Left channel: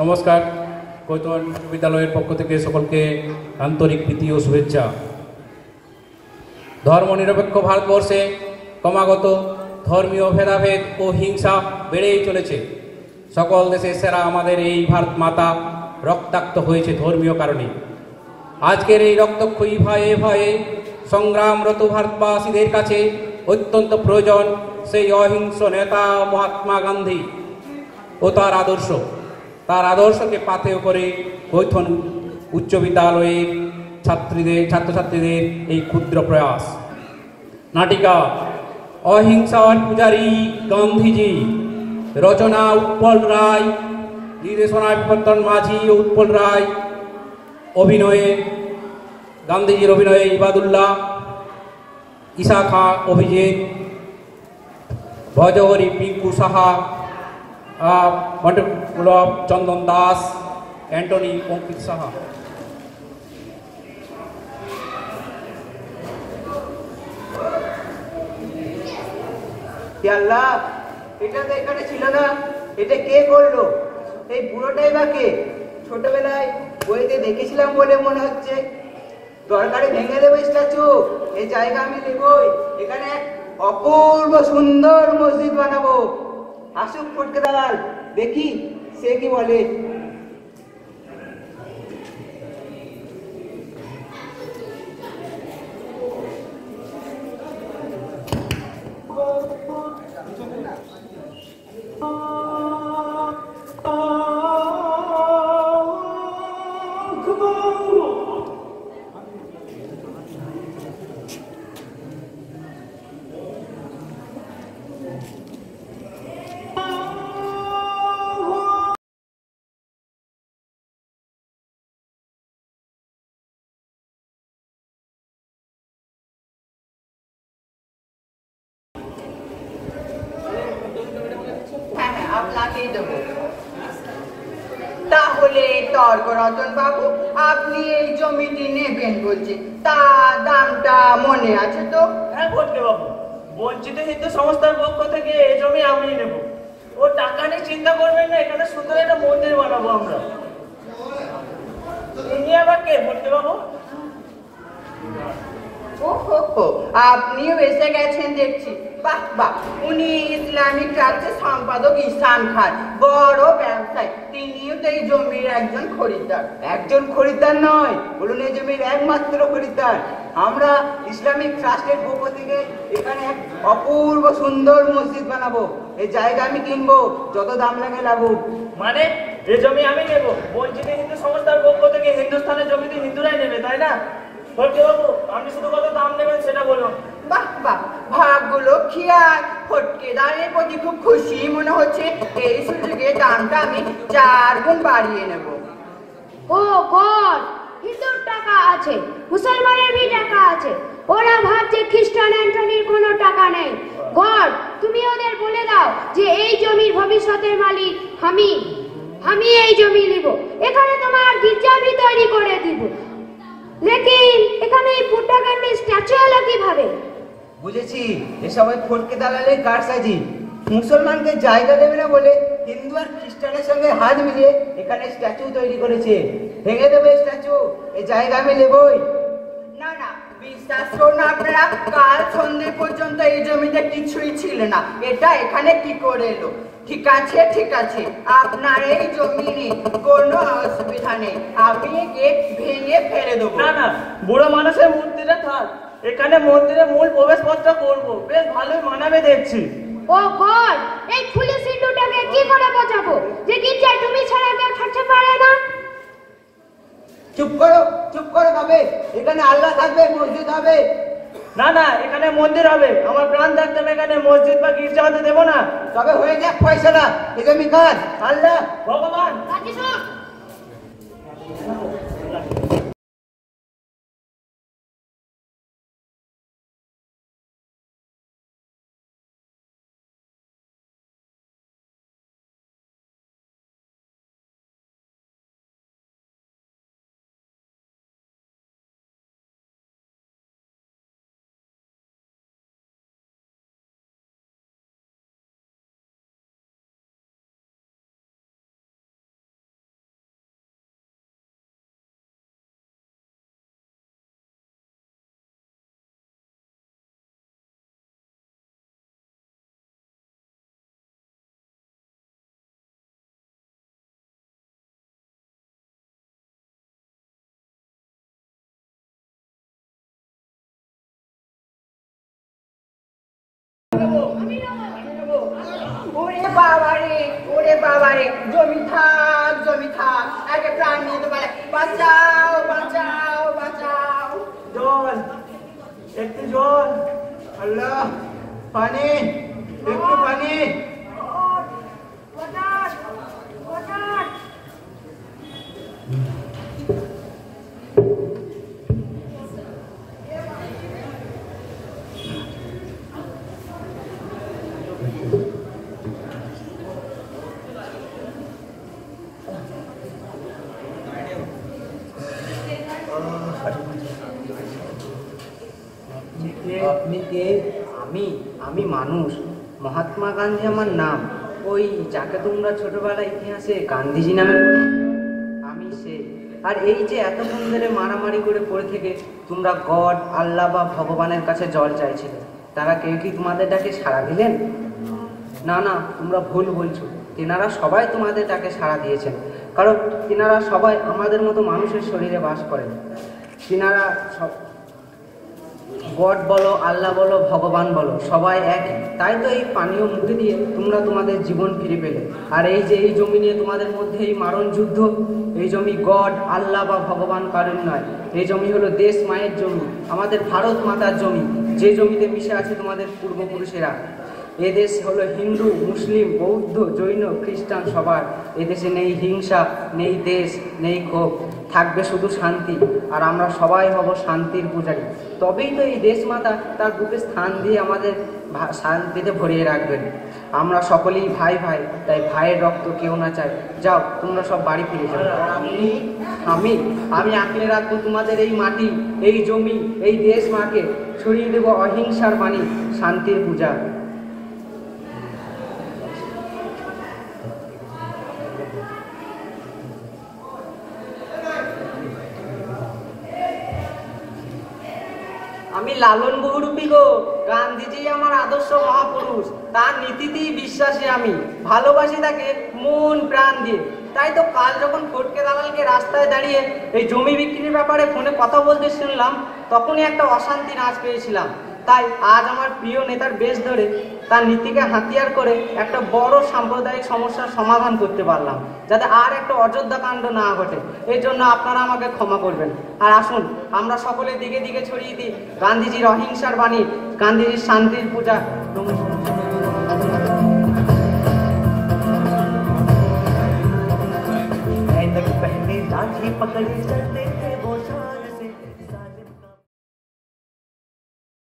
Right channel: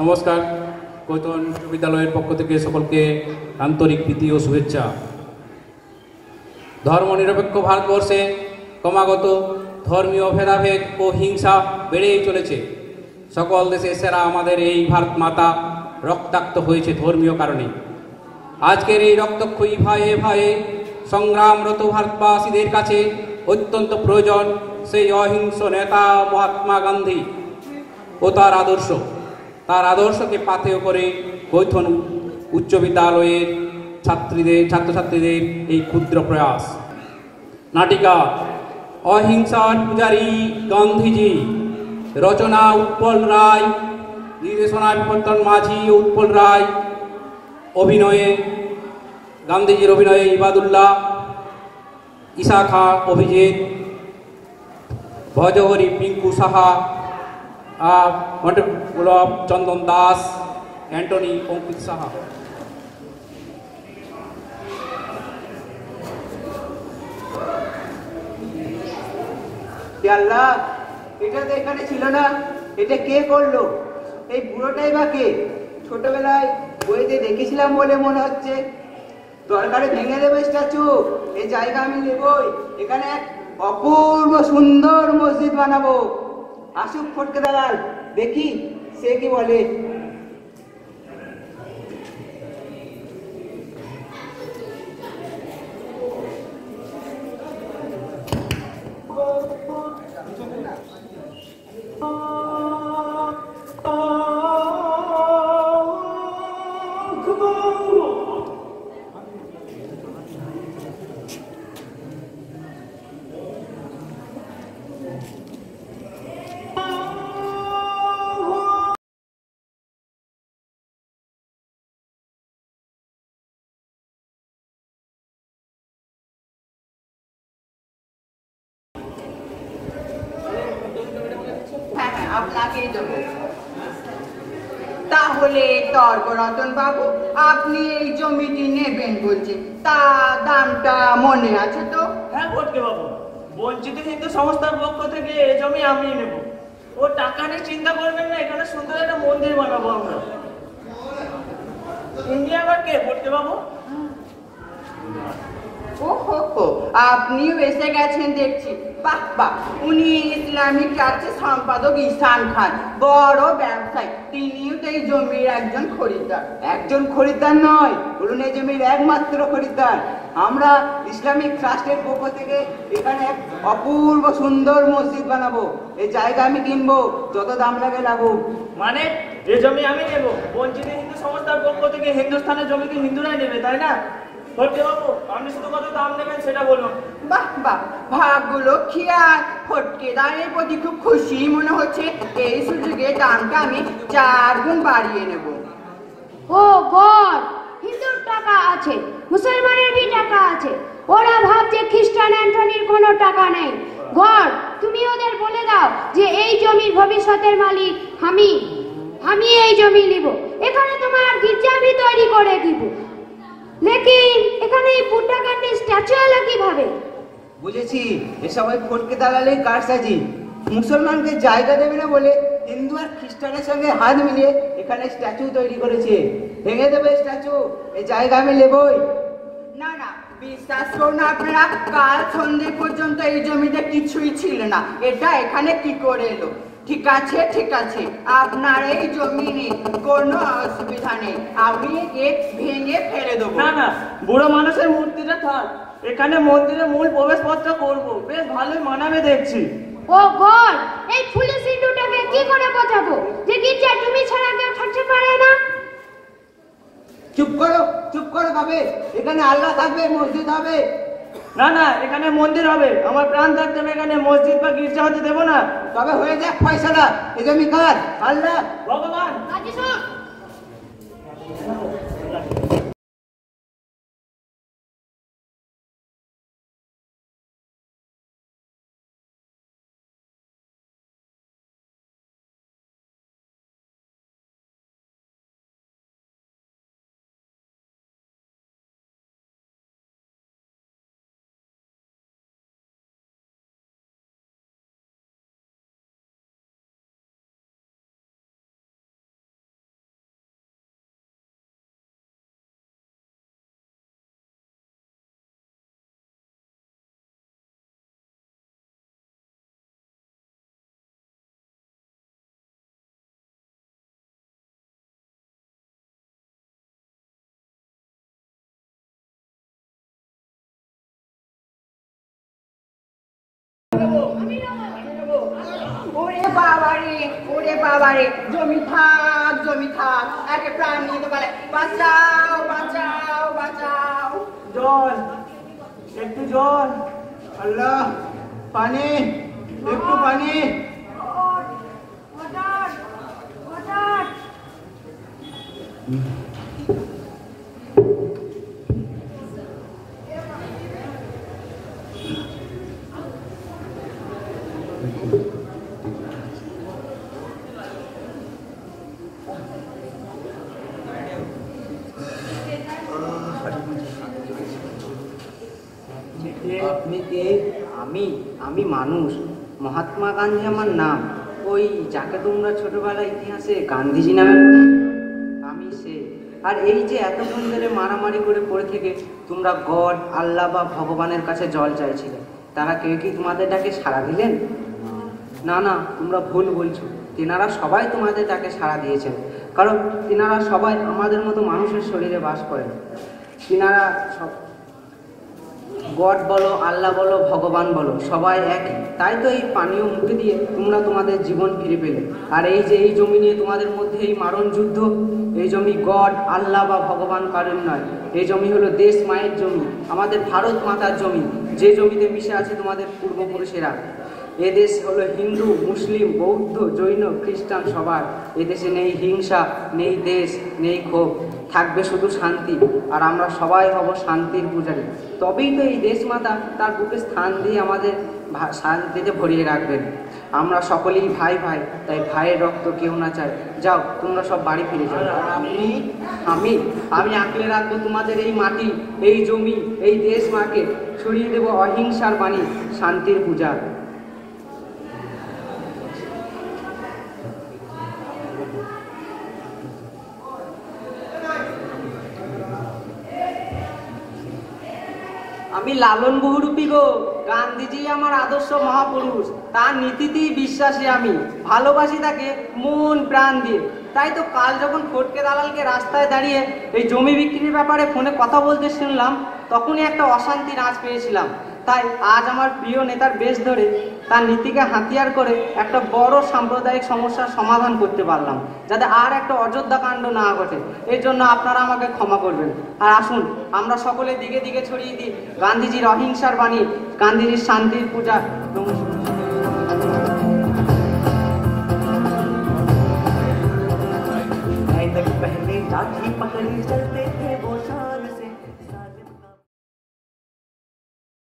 নমস্কার। কৈতন বিদ্যালয়ের পক্ষ থেকে সকলকে আন্তরিক প্রীতি ও শুভেচ্ছা। ধর্মনিরপেক্ষ ভারতবর্ষে ক্রমাগত ধর্মীয় ভেদাভেদ ও হিংসা বেড়েই চলেছে। সকল দেশের সেরা আমাদের এই ভারত মাতা রক্তাক্ত হয়েছে ধর্মীয় কারণে। আজকের এই রক্তক্ষয়ী ভাইয়ে সংগ্রামরত ভারতবাসীদের কাছে অত্যন্ত প্রয়োজন সেই অহিংস নেতা মহাত্মা গান্ধী ও তার আদর্শকে পাথেয় করে কৈথন উচ্চ বিদ্যালয়ের ছাত্রছাত্রীদের এই ক্ষুদ্র প্রয়াস। নাটিকা অহিংসার পূজারী গান্ধীজি, রচনা উৎপল রায়, নির্দেশনা বিপত্তন মাঝি ও উৎপল রায়, গান্ধীজির অভিনয়ে ইবাদুল্লাহ, ঈশা খাঁ অভিজিৎ, ভজহরি পিঙ্কু সাহা, মটকুলভ চন্দন দাস, অ্যান্টনি অঙ্কিত সাহা। আল্লাহ, এটা তো এখানে ছিল না, এটা কে করলো? এই বুড়োটাই বা কে? ছোটবেলায় বইতে দেখেছিলাম বলে মনে হচ্ছে। দরকারে ভেঙে দেবে স্ট্যাচু, এই জায়গা আমি নেবই। এখানে এক অপূর্ব সুন্দর মসজিদ বানাবো। আসুক ফটকে দালাল, দেখি সে কি বলে। আপনাকেই দেবো। তাহলে তর্করতন বাবু, আপনি এই জমিটি নেবেন বলছে, তা দামটা মনে আছে তো? হ্যাঁ ফটকে বাবু, বঞ্চিত হিন্দু সংস্থার পক্ষ থেকে এই জমি আমি নেব। ও টাকা নিয়ে চিন্তা করবেন না, এখানে সুন্দর একটা মন্দির বানাবো আমরা। ইনি আবার কে ফটকে বাবু? ওহো, আপনিও এসে গেছেন দেখছি। বাহ বাহ, উনি ইসলামিক চার্চের সম্পাদক ইসান খান, বড় ব্যবসায়ী। তিনিও তো এই জমির একজন খরিদ্দার। একজন খরিদ্দার নয়, বলুন এই জমির একমাত্র খরিদ্দার। আমরা ইসলামিক ট্রাস্টের পক্ষ থেকে এখানে এক অপূর্ব সুন্দর মসজিদ বানাবো। এই জায়গা আমি কিনবো, যত দাম লাগে লাগুক। মানে এই জমি আমি নেব, বঞ্চিত হিন্দু সংস্থার পক্ষ থেকে হিন্দুস্থানের জমি কি হিন্দুরাই নেবে, তাই না? ফটকে বাবু, আপনি শুধু কত দাম নেবেন সেটা বলুন। বাহ বাহ, ভাগগুলো খেয়াল। ফটকে দাঁড়িয়ে প্রতি খুব খুশি মনে হচ্ছে। এই সুযোগে দামটা আমি 4 গুণ বাড়িয়ে নেব। ও গড, হিন্দুর টাকা আছে, মুসলমানের ভি টাকা আছে। ওরা ভাবছে খ্রিস্টান অ্যান্টনির কোনো টাকা নেই। গড, তুমি ওদের বলে দাও যে এই জমির ভবিষ্যতের মালিক আমি এই জমি নিব। এখানে তোমার গির্জা ভি তৈরি করে দিব। লেকিন এখানে এই বুদ্ধা গান্ধীর স্ট্যাচু এলো কিভাবে? বুঝেছি, এ সময় ফটকে দালালের কারসাজি। মুসলমানকে জায়গা দেবে না বলে হিন্দু আর খ্রিস্টানের সঙ্গে হাত মিলিয়ে এখানে স্ট্যাচু তৈরি করেছে। ভেঙে দেবে স্ট্যাচু, এই জায়গা আমি নেবই। না না, বিশ্বাস করুন আপনারা, কাল সন্ধ্যে পর্যন্ত এই জমিতে কিছুই ছিল না। এটা এখানে কি করে এলো? ঠিক আছে ঠিক আছে, আপনার এই জমি নিয়ে কোনো অসুবিধা নেই, আমি ভেঙে ফেলে দেবো। না না, বুড়ো মানুষের মূর্তিটা থাক, এখানে মন্দিরের মূল প্রবেশ পথটা করবো, বেশ ভালোই মানাবে দেখছি। ও গড, এই ফুলি সিন্ধুটাকে কি করে বাঁচাবো যে গির্জা তুমি ছাড়া কেউ থাকতে পারে না? চুপ করো ভাবে, এখানে আল্লাহ থাকবে, মসজিদ হবে। না না, এখানে মন্দির হবে। আমার প্রাণ থাকতে আমি এখানে মসজিদ বা গির্জা হতে দেবো না। তবে হয়ে যাক পয়সাটা, এই জমি কার? আল্লাহ ভগবান। আজি সব আমি নেবো। ওরে বাবারে জমি থাক আগে প্রাণ নিয়ে তো পারে বাঁচাও জল, একটু জল। আল্লাহ পানি একটু পানি ওয়াটার। আপনি কে? আমি মানুষ, মহাত্মা গান্ধী আমার নাম। ওই যাকে তোমরা ছোটবেলায় ইতিহাসে গান্ধীজি নামে, আমি সে। আর এই যে এতদিন ধরে মারামারি করে পড়ে থেকে তোমরা গড, আল্লাহ বা ভগবানের কাছে জল চাইছিলে, তারা কেউ কি তোমাদের ডাকে সাড়া দিলেন? না, তোমরা ভুল বলছো। তেনারা সবাই তোমাদের ডাকে সাড়া দিয়েছেন, কারণ তেনারা সবাই আমাদের মতো মানুষের শরীরে বাস করেন। তেনারা গড বলো, আল্লাহ বলো, ভগবান বলো, সবাই একই। তাই তো এই পানীয় মুখে দিয়ে তোমরা তোমাদের জীবন ফিরে পেলে। আর এই যে এই জমি নিয়ে তোমাদের মধ্যে এই মারণ যুদ্ধ, এই জমি গড, আল্লাহ বা ভগবান কারণ নয়। এই জমি হলো দেশ মায়ের জমি, আমাদের ভারত মাতার জমি, যে জমিতে মিশে আছে তোমাদের পূর্বপুরুষেরা। এদেশ হলো হিন্দু, মুসলিম, বৌদ্ধ, জৈন, খ্রিস্টান সবার। এদেশে নেই হিংসা, নেই দেশ, নেই ক্ষোভ, থাকবে শুধু শান্তি। আর আমরা সবাই হব শান্তির পূজারী। তবেই তো এই দেশ মাতা তার বুকে স্থান দিয়ে আমাদের শান্তিতে ভরিয়ে রাখবেন। আমরা সকলেই ভাই, তাই ভাইয়ের রক্ত কেউ না চায়। যাও তোমরা সব বাড়ি ফিরে যাও। আমি আঁকড়ে রাখবো তোমাদের এই মাটি, এই জমি, এই দেশ মাকে। ছড়িয়ে দেবো অহিংসার বাণী, শান্তির পূজা। আমি লালন বহুরূপী গো, গান্ধীজি আমার আদর্শ মহাপুরুষ, তার নীতিতেই বিশ্বাসী আমি, ভালোবাসি তাকে মন প্রাণ দিয়ে। তাই তো কাল যখন ফটকে দালালকে রাস্তায় দাঁড়িয়ে এই জমি বিক্রির ব্যাপারে ফোনে কথা বলতে শুনলাম, তখনই একটা অশান্তি নাচ পেয়েছিলাম। তাই আজ আমার প্রিয় নেতার বেশ ধরে তার নীতিকে হাতিয়ার করে একটা বড় সাম্প্রদায়িক সমস্যার সমাধান করতে পারলাম, যাতে আর একটা অযোধ্যা কাণ্ড না ঘটে। এর জন্য আপনারা আমাকে ক্ষমা করবেন। আর আসুন আমরা সকলে দিকে দিকে ছড়িয়ে দিই গান্ধীজির অহিংসার বাণী, গান্ধীজির শান্তির পূজা।